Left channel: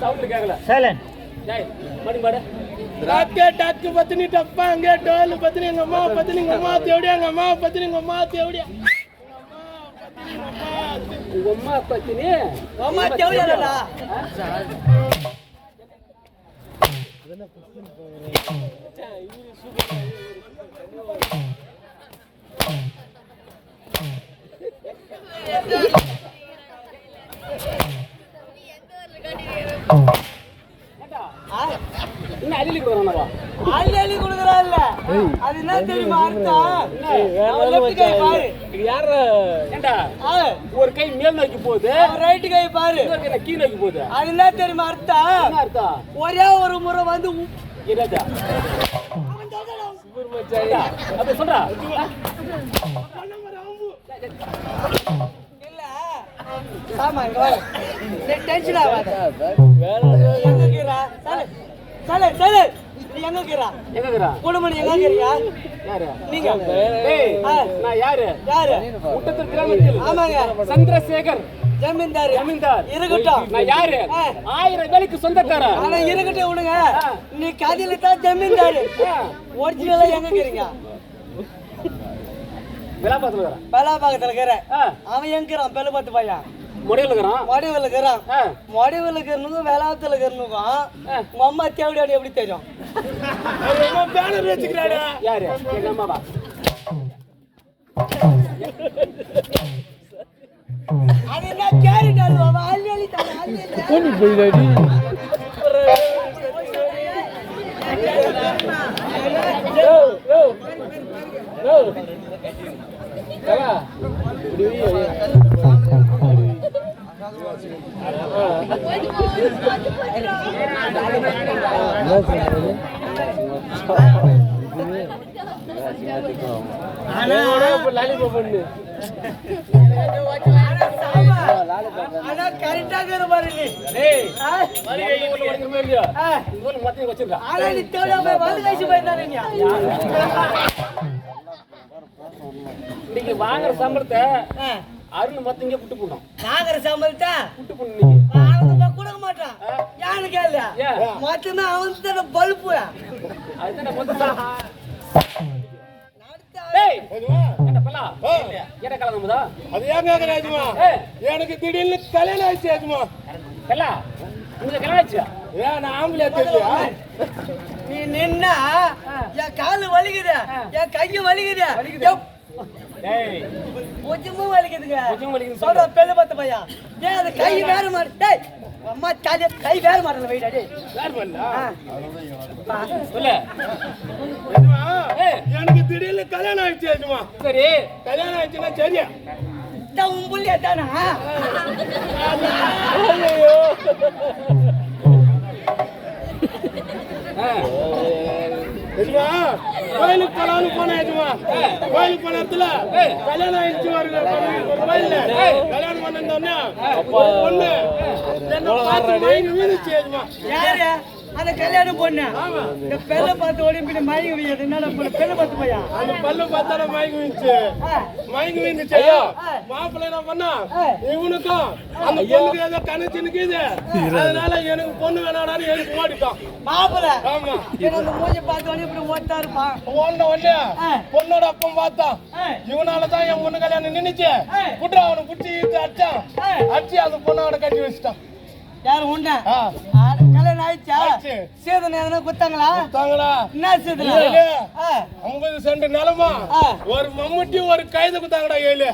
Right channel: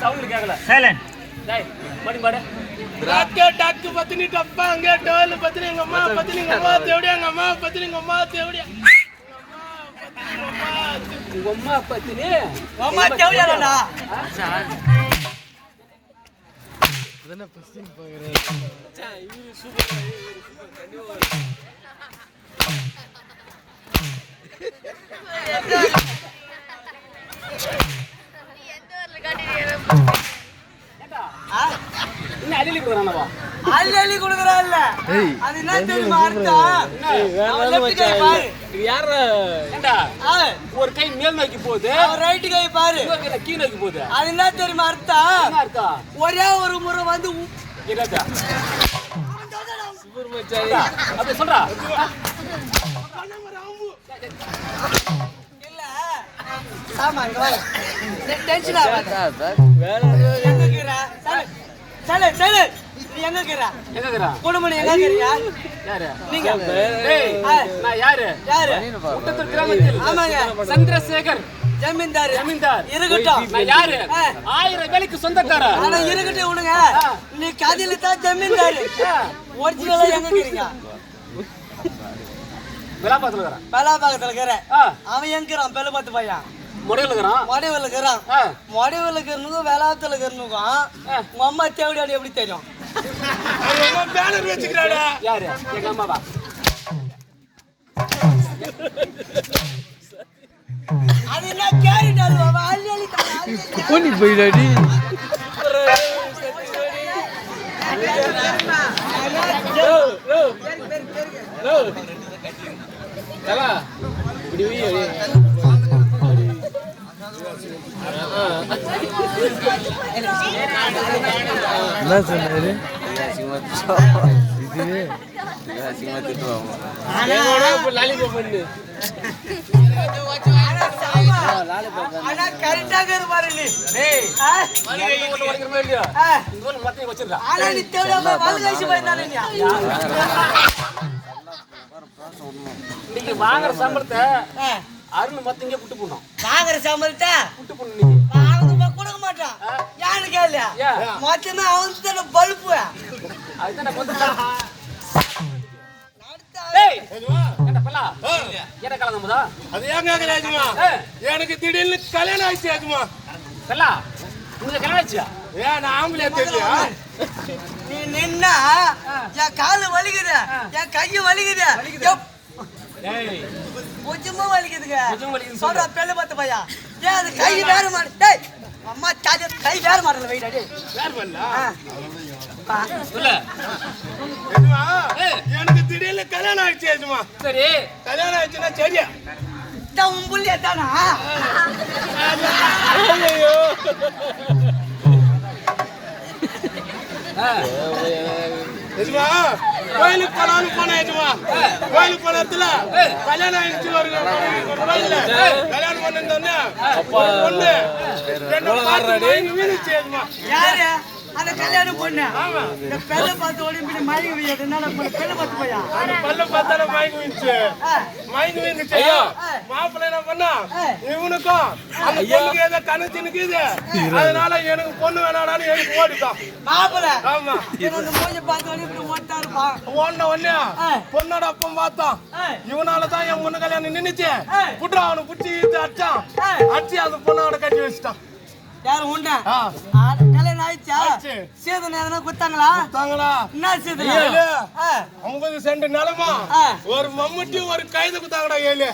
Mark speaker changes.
Speaker 1: Sound கேட்கல
Speaker 2: silent
Speaker 3: டாக்கே dog பத்தினி டப்பா அங்கே டோல் பத்தினி எங்க அம்மா பத்தினி எங்க அம்மா தேவடியா எங்க அம்மா பத்தினி எங்க அம்மா தேவடியா
Speaker 1: உங்க அம்மா பத்தினி?
Speaker 3: அம்மா தேவடியாடா
Speaker 1: இன்னும் அடிலி கொடுக்குறானவா
Speaker 3: அள்ளி அள்ளி குடுக்குறான்ல. அது என்ன தெரியுமா அர்த்தம்? அவன் லெஃப்ட் கை பாரு.
Speaker 1: ஏண்டா?
Speaker 3: ஆ,
Speaker 1: ஒரு கை மேல் நோக்கி போகுது.
Speaker 3: ரைட் கை பாரு.
Speaker 1: இன்னொரு கை கீழ் நோக்கி போகுது.
Speaker 3: அது என்ன தெரியுமா அர்த்தம்?
Speaker 1: என்ன அர்த்தம்?
Speaker 3: ஒரே ஒரு முறை வந்து
Speaker 1: அப்படி சொல்றா.
Speaker 3: இல்ல. டென்ஷன் ஆகாத. சரி சரி நீ எங்க இருக்கிற?
Speaker 1: எங்க இருக்கிறான்
Speaker 3: குடும்பம் எங்க இருக்கிறியா?
Speaker 1: யாரு?
Speaker 3: நீங்க.
Speaker 1: நான் யாரு?
Speaker 3: யாரு?
Speaker 1: முட்டத்தூர் கிராமத்தில்.
Speaker 3: ஆமாங்க.
Speaker 1: சந்திரசேகர்.
Speaker 3: ஜமீன்தார்.
Speaker 1: ஜமீன்தார்.
Speaker 3: இருக்கட்டும்.
Speaker 1: நான் யாரு. ஆயிரம் வேலைக்கு சொந்தக்காரன்
Speaker 3: ஆனா இருக்கட்டும்
Speaker 1: ஆ.
Speaker 3: நீ கதையில தான் ஜமீன்தார். ஒரிஜினலா எங்க இருக்கிறீங்க
Speaker 1: விலாபாத்துல இருக்கிறான்
Speaker 3: பலாபாகத்துல இருக்கிற
Speaker 1: ஆ.
Speaker 3: அவன் எங்க இருக்கிறான்? பெல பத்து பையன்
Speaker 1: ஆ.
Speaker 3: மொடிவில் இருக்கிறனுக்கும் வேளாத்துல இருக்கிறனுக்கும். உங்க அம்மா தேவடியாடி எப்படி தெரியும்?
Speaker 4: பேனர் வச்சுக்கிறாடா?
Speaker 1: யாரு? எங்க அம்மாவா
Speaker 3: அது என்ன கேரட் அது அவன்
Speaker 4: என்ன சொன்னாரு
Speaker 3: ஆனா, கரெக்டாக இருப்பாரு நீ ஆனா நீ நீ
Speaker 1: வாங்குற சம்பளத்தை
Speaker 3: ஆ.
Speaker 1: அருள் மொத்தம் இங்கே குட்டு போடணும்
Speaker 3: வாங்குற சம்பளத்தை
Speaker 1: குட்டு போடணும் இன்னைக்கு.
Speaker 3: அவனுக்கு கொடுக்க மாட்டான். யாரு கேள்வியா மொத்தமே அவனுக்கு தானே பல்பு
Speaker 1: அதுதான் மொத்தம்
Speaker 4: எனக்கு திடீர்னு கல்யாணம் ஆயிடுச்சு
Speaker 1: பல்லா உனக்கு கல்யாணம் ஆச்சுயா
Speaker 4: ஏன் நான் ஆம்பளை தெரியா
Speaker 3: நீ நின்னா என் காலு வலிக்குது என் கையும் வலிக்குது. கொஞ்சமா வலிக்குதுங்க. சொல்ற பெண்ணு பார்த்த பையா. ஏன் அது கை வேற மாடு டேய் அம்மா தாடி கை வேற மாடல வைடா டேய்
Speaker 4: யார் பண்ணல
Speaker 3: பா.
Speaker 1: சொல்லு.
Speaker 4: ஏஜுமா,
Speaker 1: ஏய்.
Speaker 4: எனக்கு திடீர்னு கல்யாணம் ஆயிடுச்சு ஆச்சுமா
Speaker 1: சரி.
Speaker 4: கல்யாணம் ஆயிடுச்சுன்னா சரியா?
Speaker 3: உன் புள்ளியா தானா?
Speaker 1: ஆ.
Speaker 4: கோயிலுக்கு போலான்னு போனேன் ஏஜுமா. கோயிலுக்கு போன இடத்துல கல்யாணம் ஆயிடுச்சு ஒரு கோயில்ல. கல்யாணம் பண்ணிருந்தோன்னே ஒரு பொண்ணு. என்னை பார்த்து மயங்கி ஏஜுமா.
Speaker 3: யாரு? அந்த கல்யாணம் பொண்ணு. இந்த பெண்ணை பார்த்து ஓடி போய் மயங்கி என்ன பெண்ணை பார்த்து பையா?
Speaker 4: அந்த பல்ல பார்த்தாலே மயங்கி வீணுச்சு.
Speaker 3: ஆ.
Speaker 4: மயங்கி வீணுச்சு. மாப்பிள்ளை என்ன பண்ணா? இவனுக்கும் அந்த பொண்ணுக்கு ஏதோ கணக்கு நிக்குது அதனால எனக்கு பொண்ணு வேணாடான்னு எனக்கு ஓடிட்டான்
Speaker 3: மாப்பிள
Speaker 4: ஆமா.
Speaker 3: என்னோட மூஞ்சி பார்த்து ஓடி ஓட்டா இருப்பான்
Speaker 4: ஓடின. பொண்ணோட அப்பம் பார்த்தான்
Speaker 3: ஆ.
Speaker 4: இவனால தான் என் பொண்ணு கல்யாணம் நின்னுச்சு. புட்ரா அவனை புடிச்சு இழுத்து அடிச்சான். அடிச்சு அந்த பொண்ணை அவனை கட்டி வச்சுட்டான்
Speaker 3: யாரு உண்டா கல்யாணம் ஆயிடுச்சா. சேதனை எதனா குத்தாங்களா
Speaker 4: தாங்களா
Speaker 3: என்ன சேதனை.
Speaker 4: ஐம்பது சென்ட் நிலமா. ஒரு மம்முட்டி ஒரு கைது குத்தாங்கடா ஏழு